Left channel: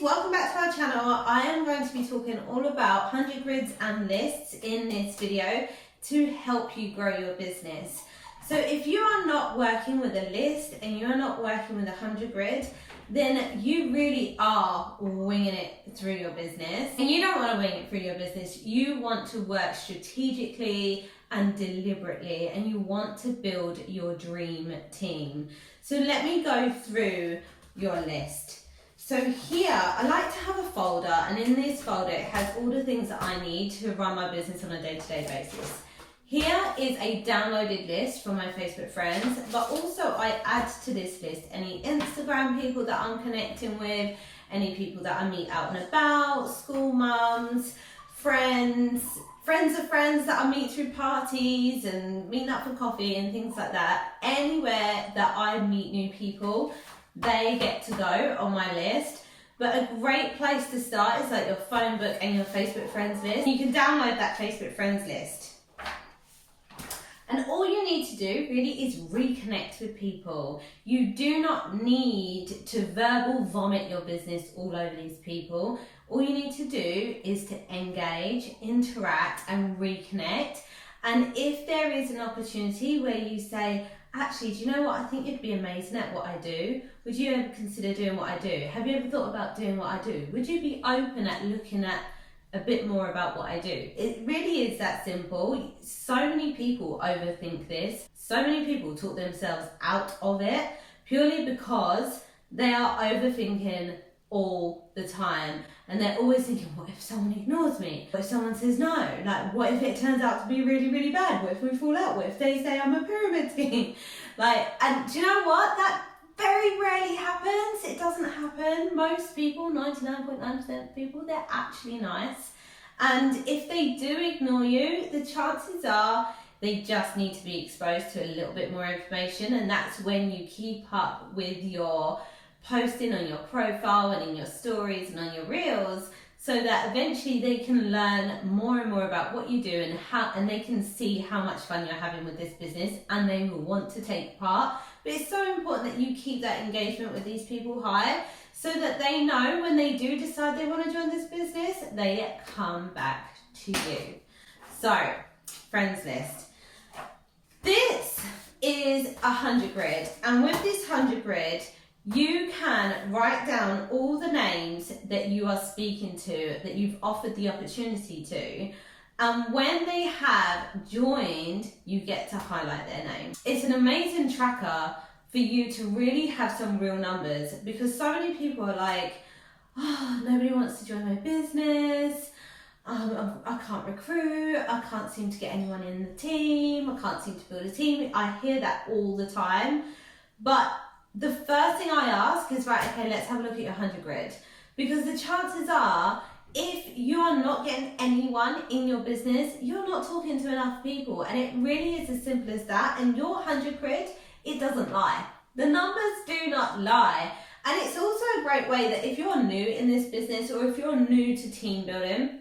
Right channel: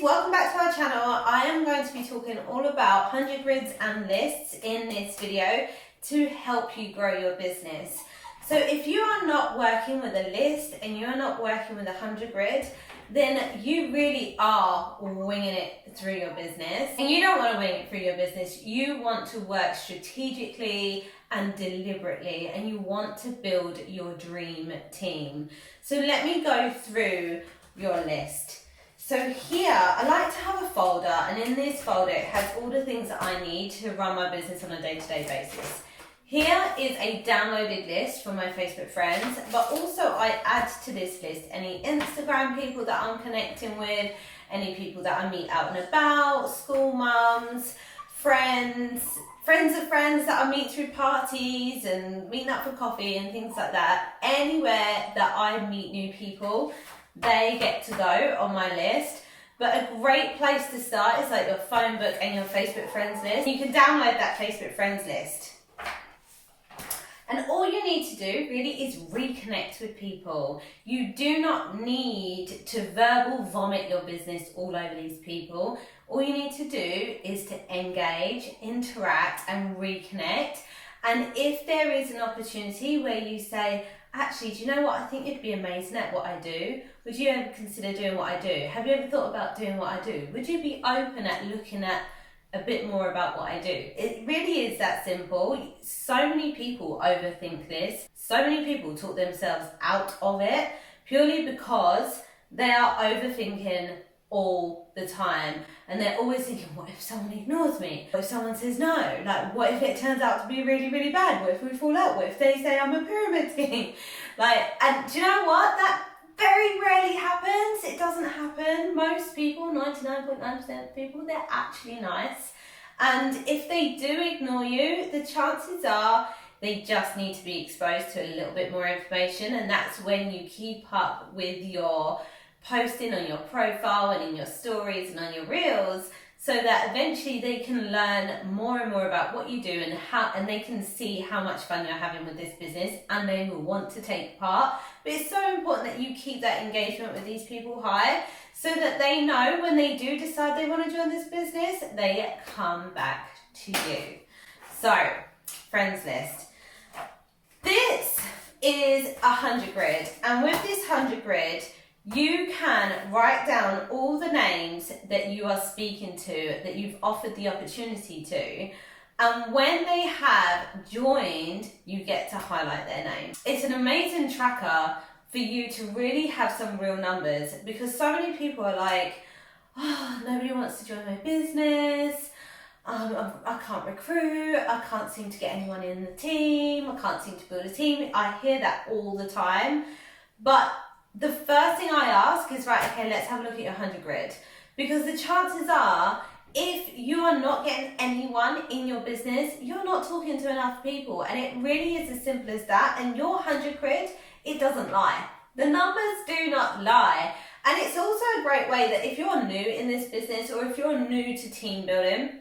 welcome back to our channel. I am going to be talking all about 100 grids and lists in this video to help you grow your business. So if you are not working with a list and you're not working with 100 grid, then you really are winging it through your business. And you don't want to wing it through your business. You want to work strategically and deliberately, and you want to build your dream team. So let me go through your list. So here, I like to have a folder, and in this folder it has all the things that I need to run my business on a day-to-day basis. Here is a downloaded list from my Facebook friends, but also I add to this list any Instagram people that I'm connecting with, any people that I meet out and about, school mums, friends of friends that I meet through parties and meeting up for coffee and things like that. Anywhere that I meet new people, they get to go on my list. But a great place to start is like your phone book and your Facebook friends list. You can download that Facebook friends list. And all you need to do really is reconnect with people. You do not need to verbal vomit your business all over these people. All you need to do is to engage, interact, and reconnect. And if there is an opportunity where you say, actually, do you know what? I think you'd be amazing at what I do. Would you ever consider doing what I do? Have you ever thought about doing what I do? Would you be open at looking at a bit more about what I do? It really is that simple. So many people overthink this. So many people talk themselves out of it purely because they are overthinking all the time, and they're always thinking, what if someone ignores me? What if someone says no? Like, what if it turns out to be really, really bad? What if we fall out? What if they say I'm a pyramid scheme? And do you know what? That very rarely happens. It doesn't happen. Most people, 99.9% of people, they're actually nice. And if they do ignore you, the chances are they just need to be exposed to a little bit more information. And that's when you keep up with your posting on your profile and in your stories and on your reels, so that eventually they can learn more and more about what you do and they can see how much fun you're having with this business, and they will want to take part. But it's so important that you keep that engagement with these people high, so that they know when they do decide they want to join this business, they come back to you. So, friends list. This is 100 grid, and with this 100 grid, you can write down all the names that you are speaking to, that you've offered the opportunity to, and when they have joined, you get to highlight their name. It's an amazing tracker for you to really have some real numbers, because so many people are like, oh, nobody wants to join my business, I can't recruit, I can't seem to get anyone in the team, I can't seem to build a team. I hear that all the time, but the first thing I ask is, right, okay, let's have a look at your 100 grid. Because the chances are, if you are not getting anyone in your business, you're not talking to enough people. And it really is as simple as that. And your 100 grid, it doesn't lie. The numbers do not lie. And it's also a great way that if you're new in this business, or if you're new to team building,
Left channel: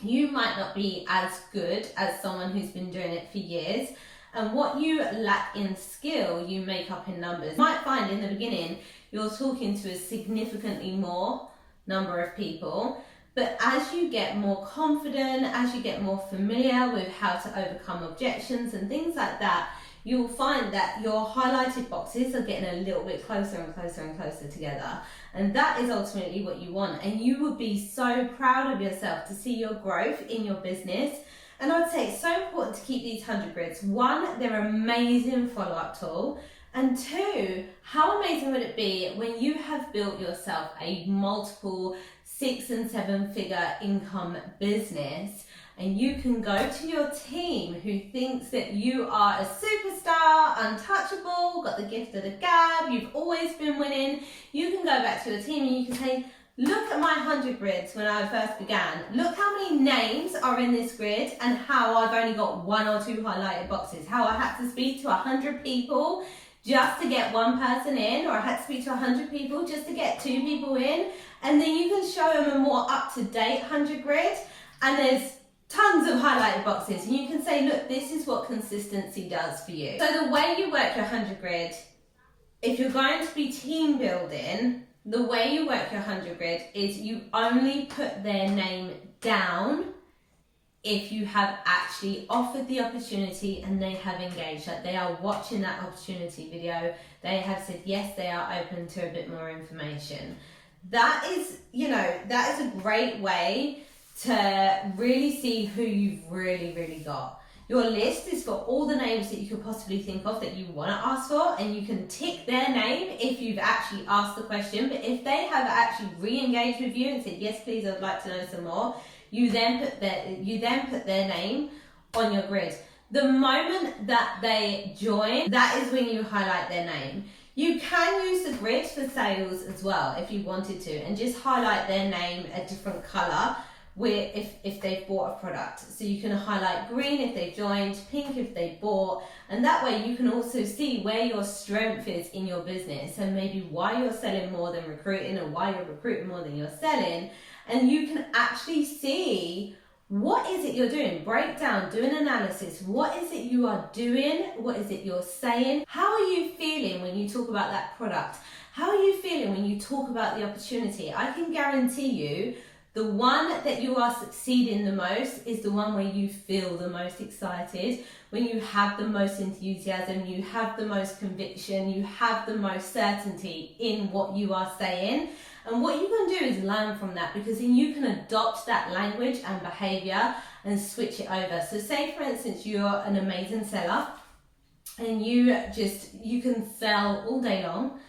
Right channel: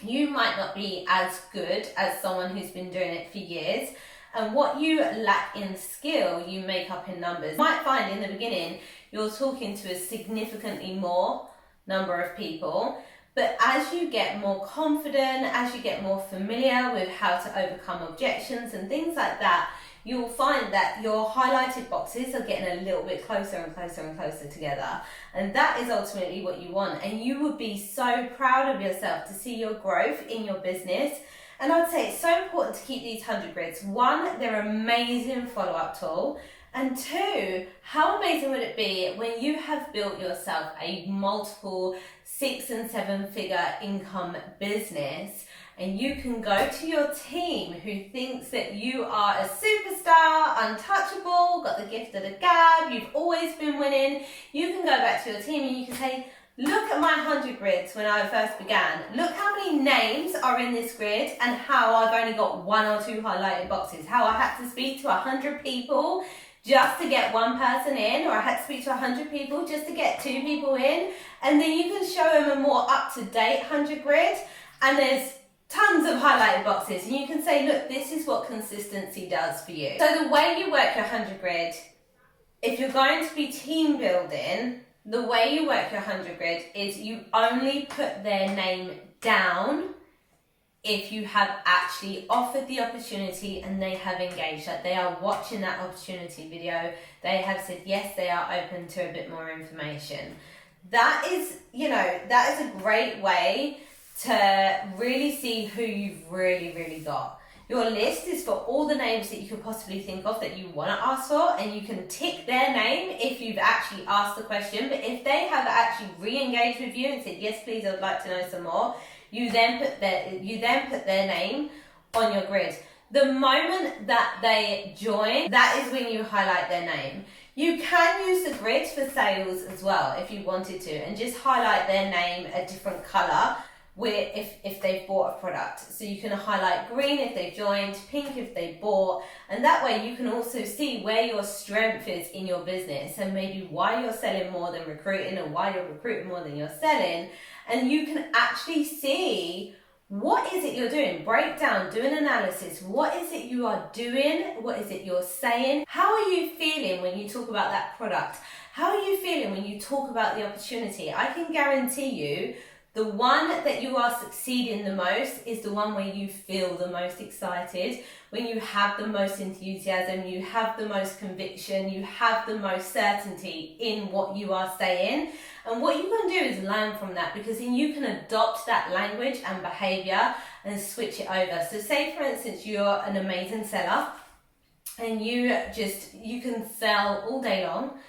you might not be as good as someone who's been doing it for years. And what you lack in skill, you make up in numbers. You might find in the beginning, you're talking to a significantly more number of people, but as you get more confident, as you get more familiar with how to overcome objections and things like that, you'll find that your highlighted boxes are getting a little bit closer and closer and closer together. And that is ultimately what you want. And you would be so proud of yourself to see your growth in your business. And I'd say it's so important to keep these 100 grids. One, they're an amazing follow-up tool. And two, how amazing would it be when you have built yourself a multiple 6- and 7-figure income business, and you can go to your team who thinks that you are a superstar, untouchable, got the gift of the gab, you've always been winning. You can go back to your team and you can say, look at my 100 grids when I first began. Look how many names are in this grid and how I've only got 1 or 2 highlighted boxes. How I had to speak to 100 people just to get 1 person in, or I had to speak to 100 people just to get 2 people in. And then you can show them a more up-to-date 100 grid, and there's tons of highlighted boxes. And you can say, look, this is what consistency does for you. So the way you work your 100 grid, if you're going to be team building, the way you work your 100 grid is you only put their name down if you have actually offered the opportunity and they have engaged, like they are watching that opportunity video, they have said yes, they are open to a bit more information. That is, that is a great way to really see who you've really got. Your list is for all the names that you could possibly think of that you want to ask for, and you can tick their name if you've actually asked the question. But if they have actually re-engaged with you and said yes please, I'd like to know some more, you then put their name on your grid. The moment that they join, that is when you highlight their name. You can use the grid for sales as well if you wanted to, and just highlight their name a different colour where if they've bought a product. So you can highlight green if they've joined, pink if they bought, and that way you can also see where your strength is in your business and maybe why you're selling more than recruiting and why you're recruiting more than you're selling. And you can actually see what is it you're doing, break down, do an analysis. What is it you are doing? What is it you're saying? How are you feeling when you talk about that product? How are you feeling when you talk about the opportunity? I can guarantee you the one that you are succeeding the most is the one where you feel the most excited, when you have the most enthusiasm, you have the most conviction, you have the most certainty in what you are saying. And what you can do is learn from that, because then you can adopt that language and behavior and switch it over. So say for instance, you're an amazing seller and you can sell all day long.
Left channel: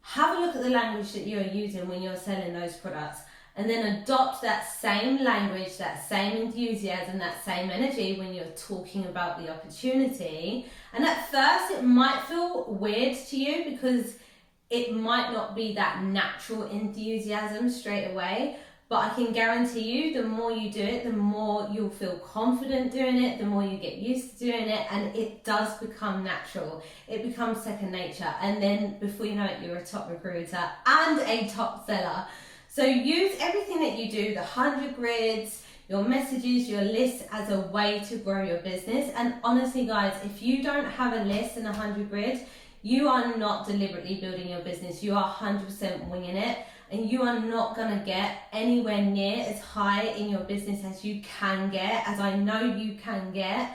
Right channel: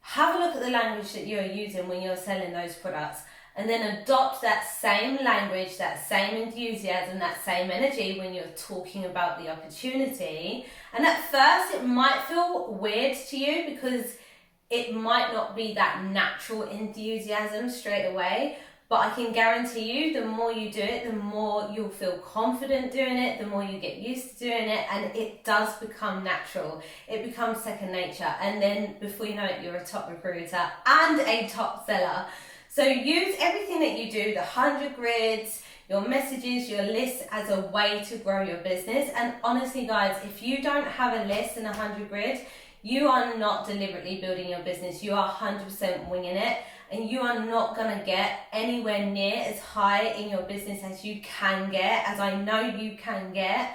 Have a look at the language that you're using when you're selling those products, and then adopt that same language, that same enthusiasm, that same energy when you're talking about the opportunity. And at first it might feel weird to you because it might not be that natural enthusiasm straight away, but I can guarantee you the more you do it, the more you'll feel confident doing it, the more you get used to doing it, and it does become natural. It becomes second nature, and then before you know it, you're a top recruiter and a top seller. So use everything that you do, the 100 grids, your messages, your lists, as a way to grow your business. And honestly guys, if you don't have a list and 100 grid, you are not deliberately building your business. You are 100% winging it, and you are not going to get anywhere near as high in your business as you can get, as I know you can get,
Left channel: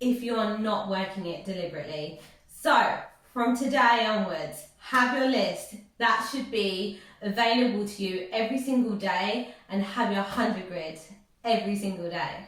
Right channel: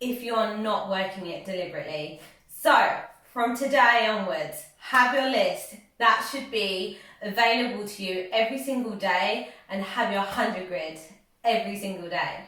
if you are not working it deliberately. So from today onwards, have your list. That should be available to you every single day, and have your 100 grid every single day.